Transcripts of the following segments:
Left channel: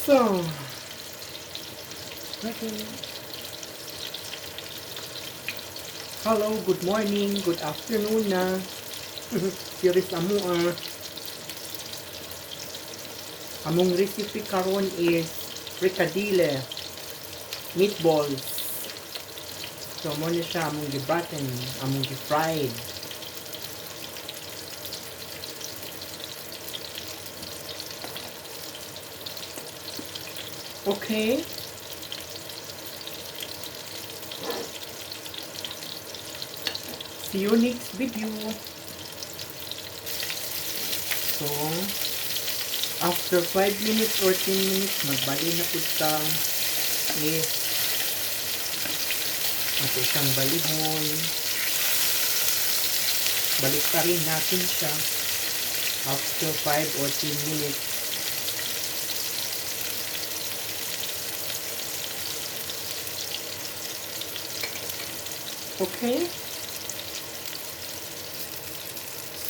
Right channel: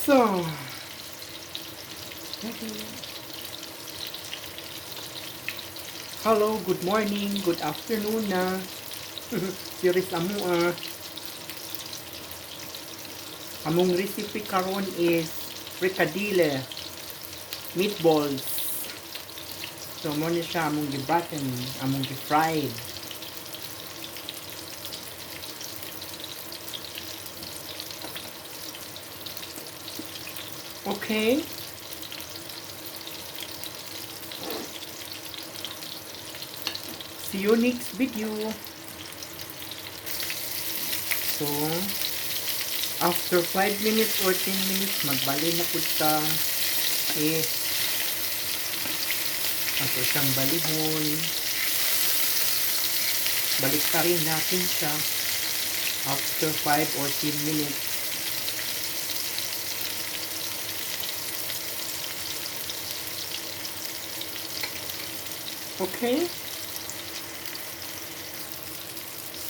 So, okay. Hello, good morning, good afternoon na. Here is among recipe karon is fricadille, meatballs. So, mo ni siya among gibaten, among gi-fried. Okay. See you next video. So, after 5 minutes or 10 minutes, magbali na po ta. At isang balihon. Balik pa rin natin siya after 5 or 10 minutes. Okay.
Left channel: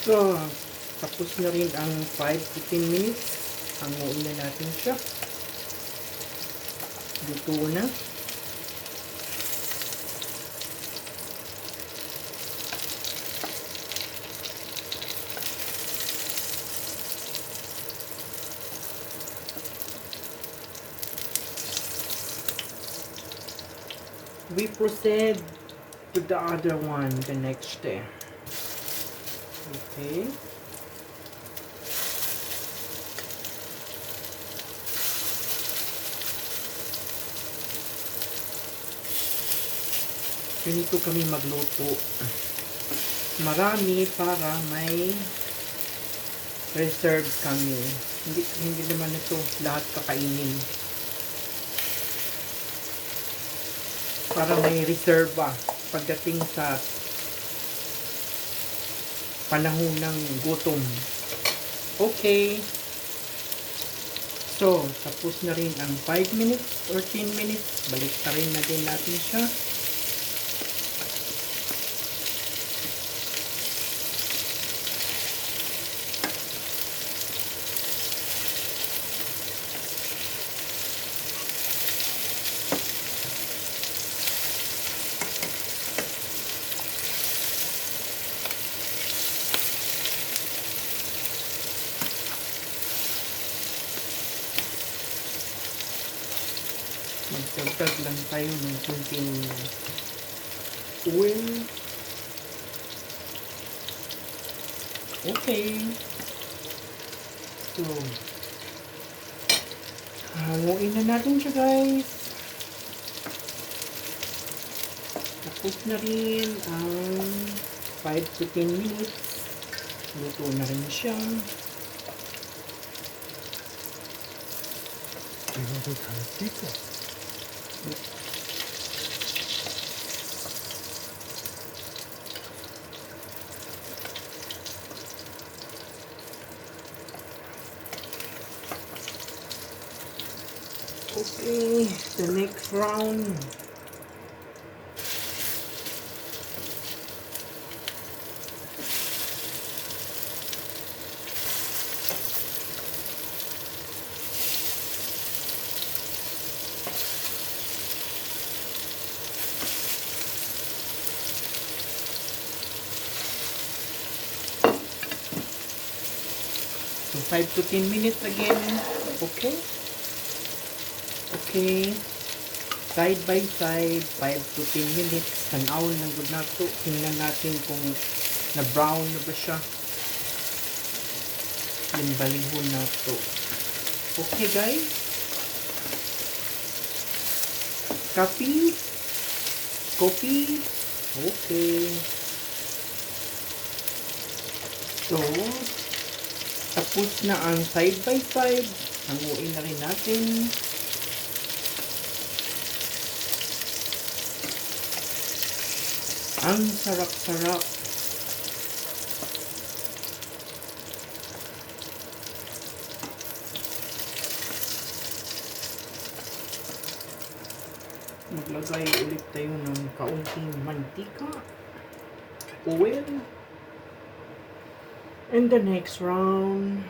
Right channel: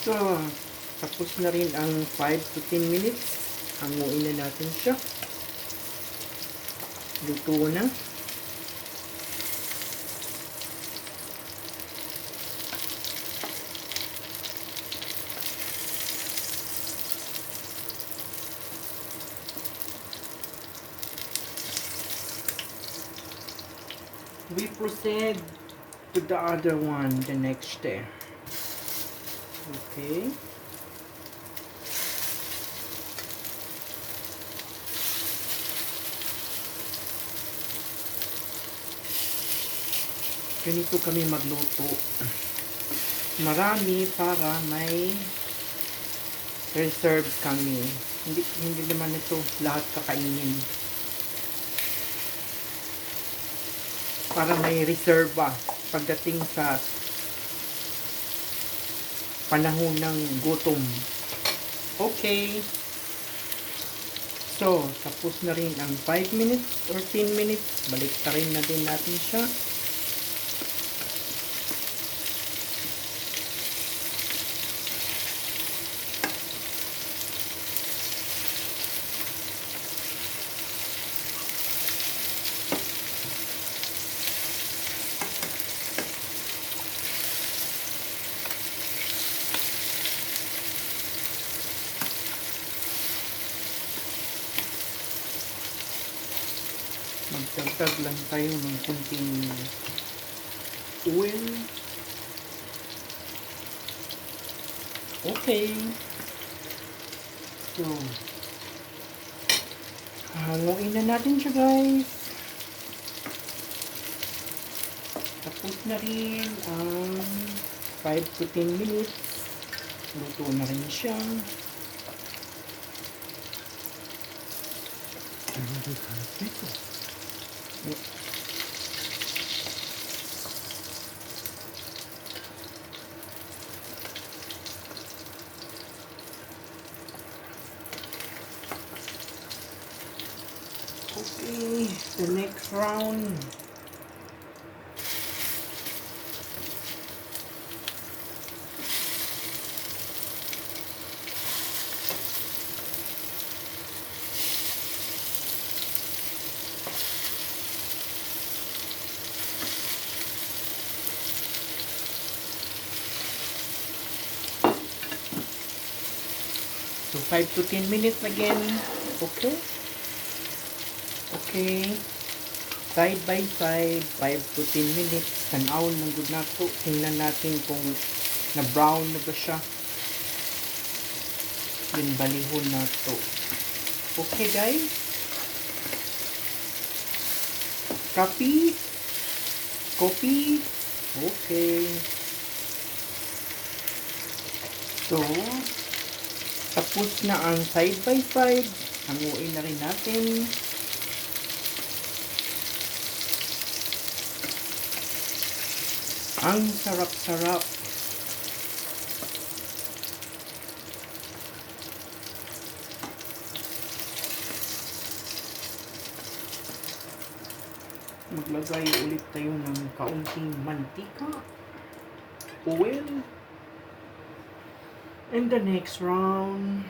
So, tapos na rin ang 5 to 10 minutes. Hanguin na natin siya. Luto na. We proceed to the other one the next day. Okay. Ganito kami magluto. Marami para may reserve kami. Hindi naman ito lahat kakainin. Para may reserva pagdating sa panahon ng gutom. Okay. So, tapos na rin ang 5 minutes or 10 minutes. Balik ka rin na din natin siya. Magdagdag lang tayo ng kunting oil. Okay. So, haluin na natin siya, guys. Tapos na rin ang 5 to 10 minutes. Luto na rin siya. Okay, the next round. So 5 to 10 minutes again. Okay. Okay. Side by side, 5 to 10 minutes. Tanawon ng good na to. Tingnan natin kung na-brown na ba siya. Yung balihon na to. Okay, guys. Copy. Copy. Okay. So, tapos na ang side by side. Hanguin na rin natin. Ang sarap-sarap. Maglagay ulit tayo ng kaunting mantika. Oil. And the next round.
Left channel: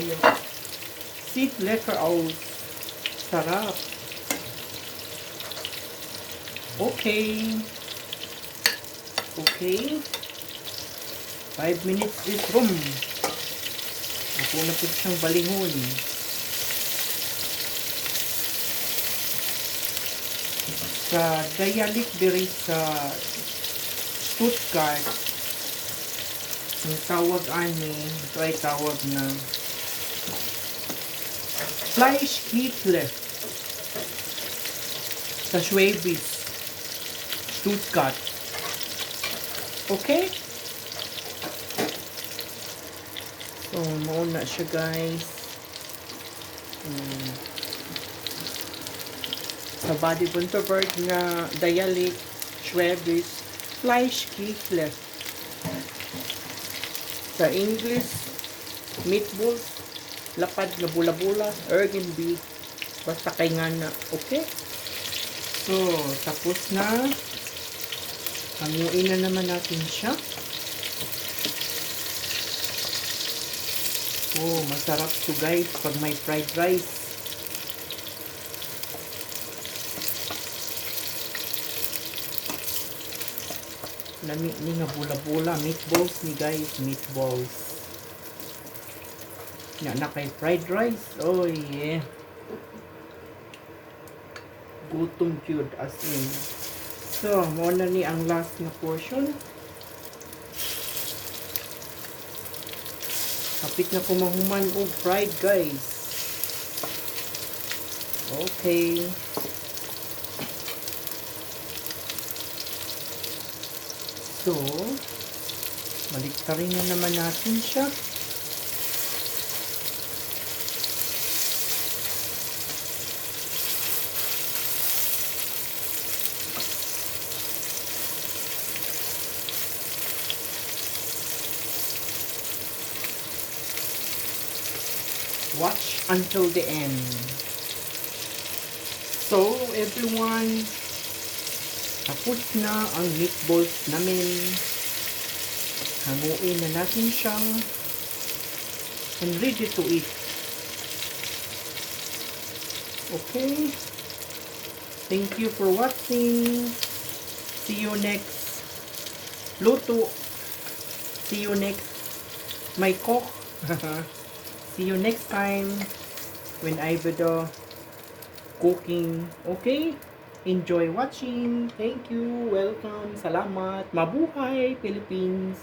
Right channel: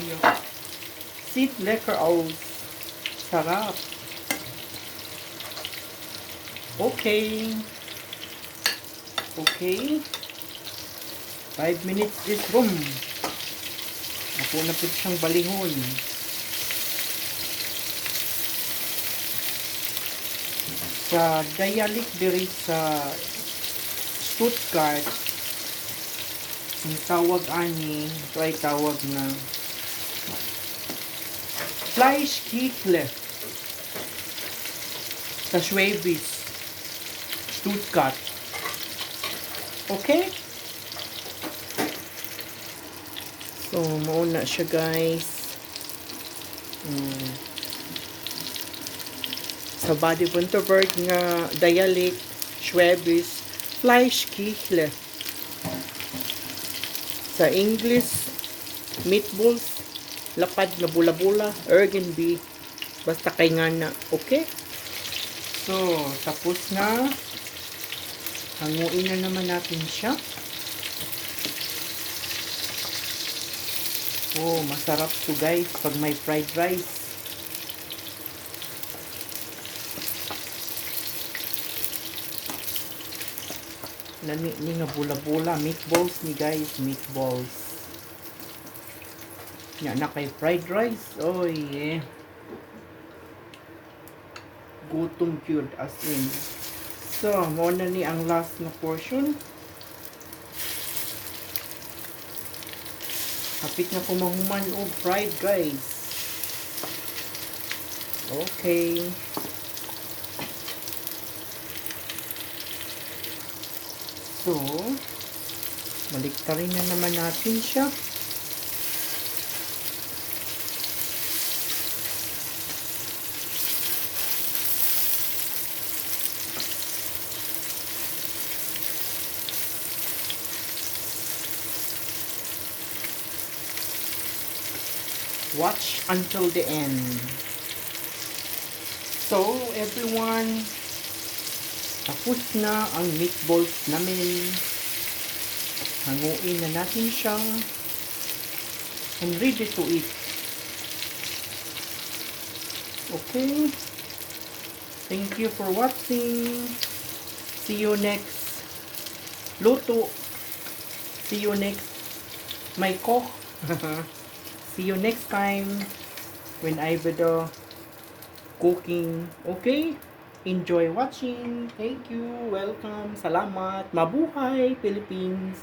toyo. Sweet lekker aus. Sarap. Okay. Okay. 5 minutes is room. Ako na po siyang balihon. Sa dialect diri sa Stuttgart, ang tawag ani, ito ay tawag na Fleischkneedle. Sa Schwäbisch, Stuttgart. Okay? So, mauna siya guys. Sa Baden-Württemberg nga dialect, Schwäbisch, Fleischkneedle. Sa English, meatballs, lapad na bula-bula, Ergenby, basta kay nga na, okay? So, tapos na. Hanguin na naman natin siya. Oh, masarap to guys pag may fried rice. Lami ni nga bula-bula, meatballs ni guys, meatballs. Na kay fried rice. Oh yeah. Gutom cute as in. So, muna ni ang last na portion. Kapit na ko mahuman og fried guys. Okay. So, baliktarin na naman natin siya. Watch until the end. So, everyone, tapos na ang meatballs namin. Hanguin na natin siya. And ready to eat. Okay. Thank you for watching. See you next luto. See you next my cook. See you next time when I video cooking. Okay? Enjoy watching. Thank you. Welcome. Salamat. Mabuhay, Philippines.